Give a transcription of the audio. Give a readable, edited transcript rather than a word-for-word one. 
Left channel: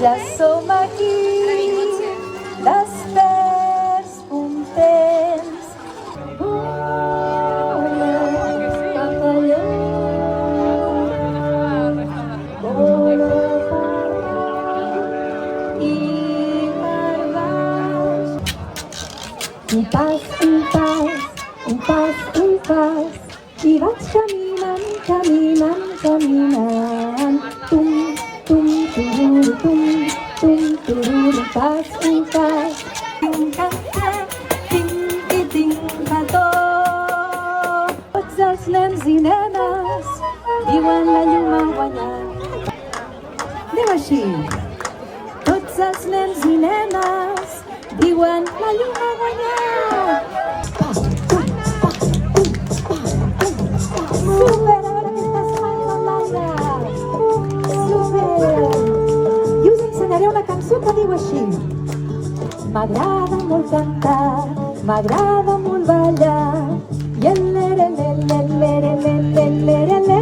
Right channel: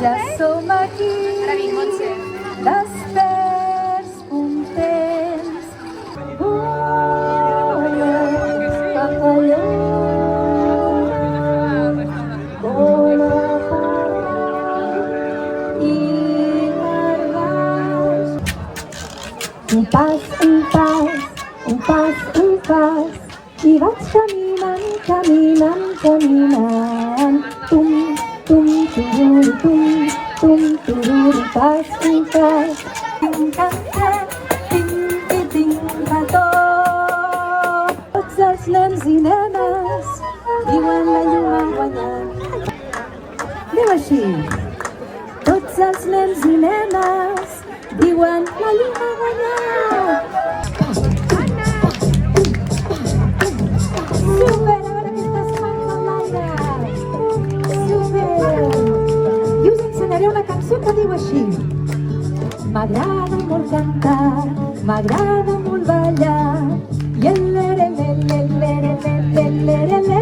Ja som aquí, desperts, contents. Vola, papalló, vola i per baix. Un pas, un pas, un pas, un pas, i vaig caminant, caminant, caminant. Tum, tum, tururu, tum, tum, tururu, pas, un pas. Tinc-ta-ta, tinc-ti-tinc-ta-tó. Tots els nens i nenes diuen la llum ha guanyat. Diu així. Tots els nens i nenes diuen la llum ha guanyat. Super, ara aquestes mans a l'aire. Super. I us ensenyaré una cançó que diu així. M'agrada molt cantar, m'agrada molt ballar, i el lere, lere, lere, lere, lere, lere,